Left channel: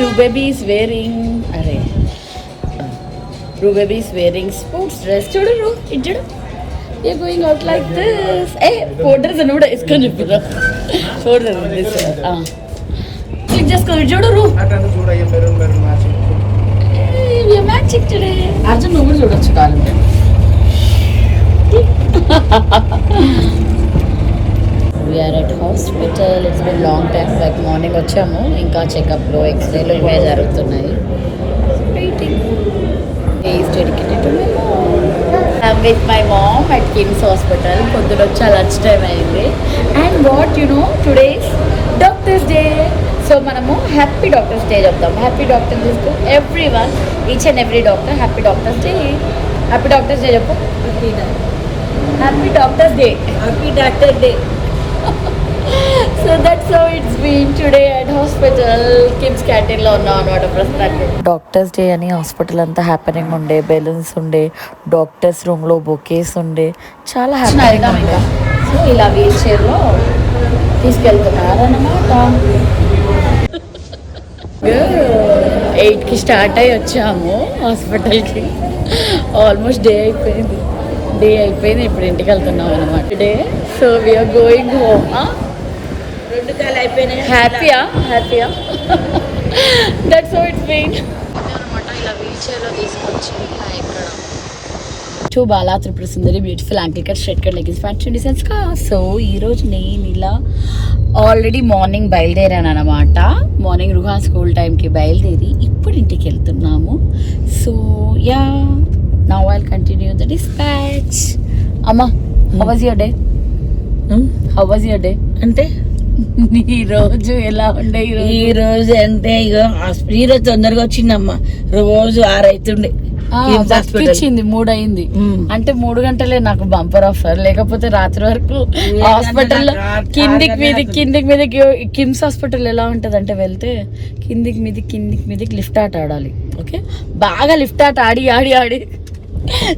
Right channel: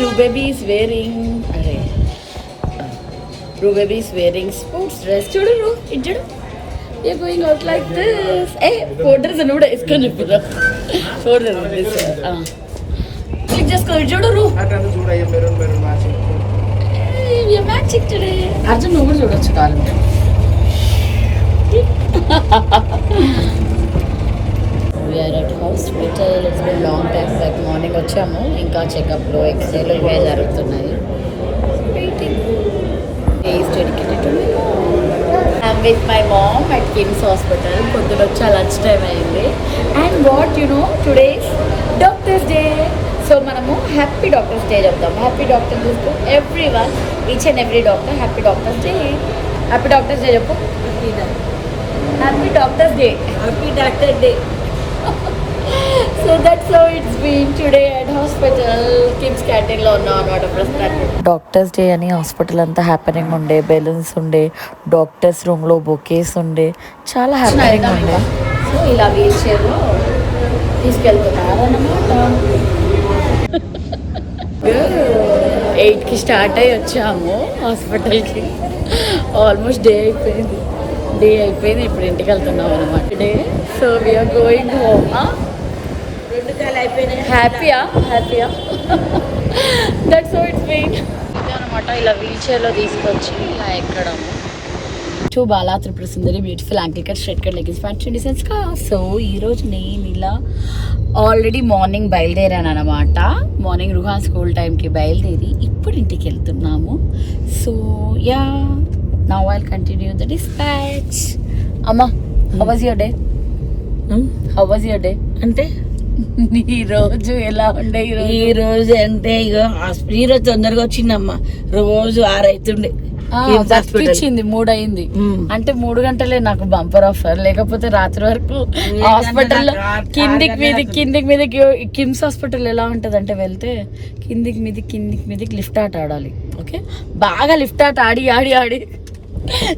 Rubaby is wearing Rubaby is wearing sports dress. చూడు ఇటు you're going out like this. sports dress అన్న కూడా వేసుకొని చెప్పిరా sports dress click చేసుకో చూడు we are matching today. Arjun నువ్వు కూడా చూడొచ్చు కావాలంటే. We are at hospital. It's been long time back. Morning వచ్చాము ఇంకా చెకప్లు ఎక్స్రేలు ఇవే జరుగుతున్నాయి. I'm with my mom at Kim's Hospital. పొద్దున వచ్చి లంచ్ టైం అయింది. And what you know, today Doctor's Day. So మనము హ్యాపీ డాక్టర్స్ డే చెప్తాం. Happy doctors day everyone, each and every doctor happy doctors day. Happy doctors day చెప్పు. Happy doctors day. Happy doctor day. So that's how it's been today at hospital. Things can't on what ప్రస్తుతానికి. Doctors day అని hospital అంతా happening ఉండే, balloons ఉండే, doctors room లో bouquets ఉండే, చాలా happening ఉండే. సో ఇలా వీల్ చైర్ లో తీసుకెళ్తున్నారు అన్నమాట. 8కి స్టార్ట్ అయ్యి వచ్చాము హాస్పిటల్కి. ఆల్మోస్ట్ డే అయిపోయింది. ఇప్పుడు ఇంటికి వెళ్తున్నాము అన్నమాట డే. So we're going home. హ్యాపీయా దట్స్ హౌ ఇట్స్ బీన్ అనమాట. ఇలా వీల్ చైర్లో తీసుకొచ్చి ఇలా ఎక్కడం. Bala Tripura Sundari beautiful ankle cut straight cut leggings ఫ్యాట్ 20 cents కా. సో ఈరోజు నేను ఇలా ఆల్రెడీ మార్నింగ్ బయలుదేరాను అనమాట. మార్నింగ్ రుహాన్ స్కూల్ టైంకి బయలుదేరి ఇప్పుడు ఇంటికి వెళ్తున్నాము. So yeah now I'll continue the dispatch. అమ్మా హౌ వాజ్ యువర్ డే? అంటే ఈ రోజు ఎలా ఉండే? ఈ రోజు అంటే ఈరోజు తొందరగా వచ్చిందమ్మా. రోజు 6 అవుతుండే, ఇచ్చింది 3 అయింది. అంటే 3 గంటలే నాకు బంపర్ ఆఫర్. లేకపోతే రాత్రి వరకు హాస్పిటల్లో కిందికి మీదకి. కిమ్స్ హాస్పిటల్ ఎలా ఉంటది అంటే వెళ్తే కిందికి మీదకి లిఫ్ట్ ఆట ఆడాలి. ఓకే, బాగా లిఫ్ట్ ఆట ఆడి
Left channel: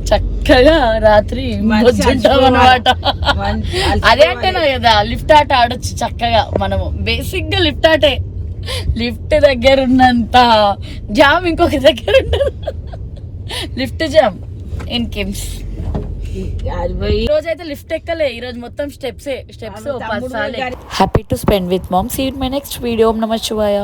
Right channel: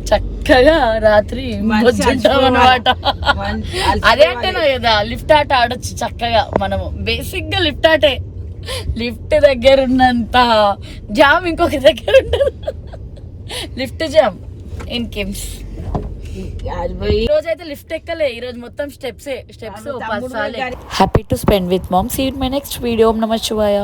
చక్కగా రాత్రి వచ్చుంటాం అనమాట. అదే అంటేనా కదా లిఫ్ట్ ఆట ఆడొచ్చు చక్కగా. మనము బేసిక్ గా లిఫ్ట్ ఆటే. లిఫ్ట్ దగ్గర ఉన్నంత జామ్ ఇంకొక దగ్గర ఉండదు. Lift jam in KIMS. ఈ రోజు అయితే లిఫ్ట్ ఎక్కలే. ఈ రోజు మొత్తం steps. Happy to spend with mom. See you in my next video. ఓం నమః శివాయ.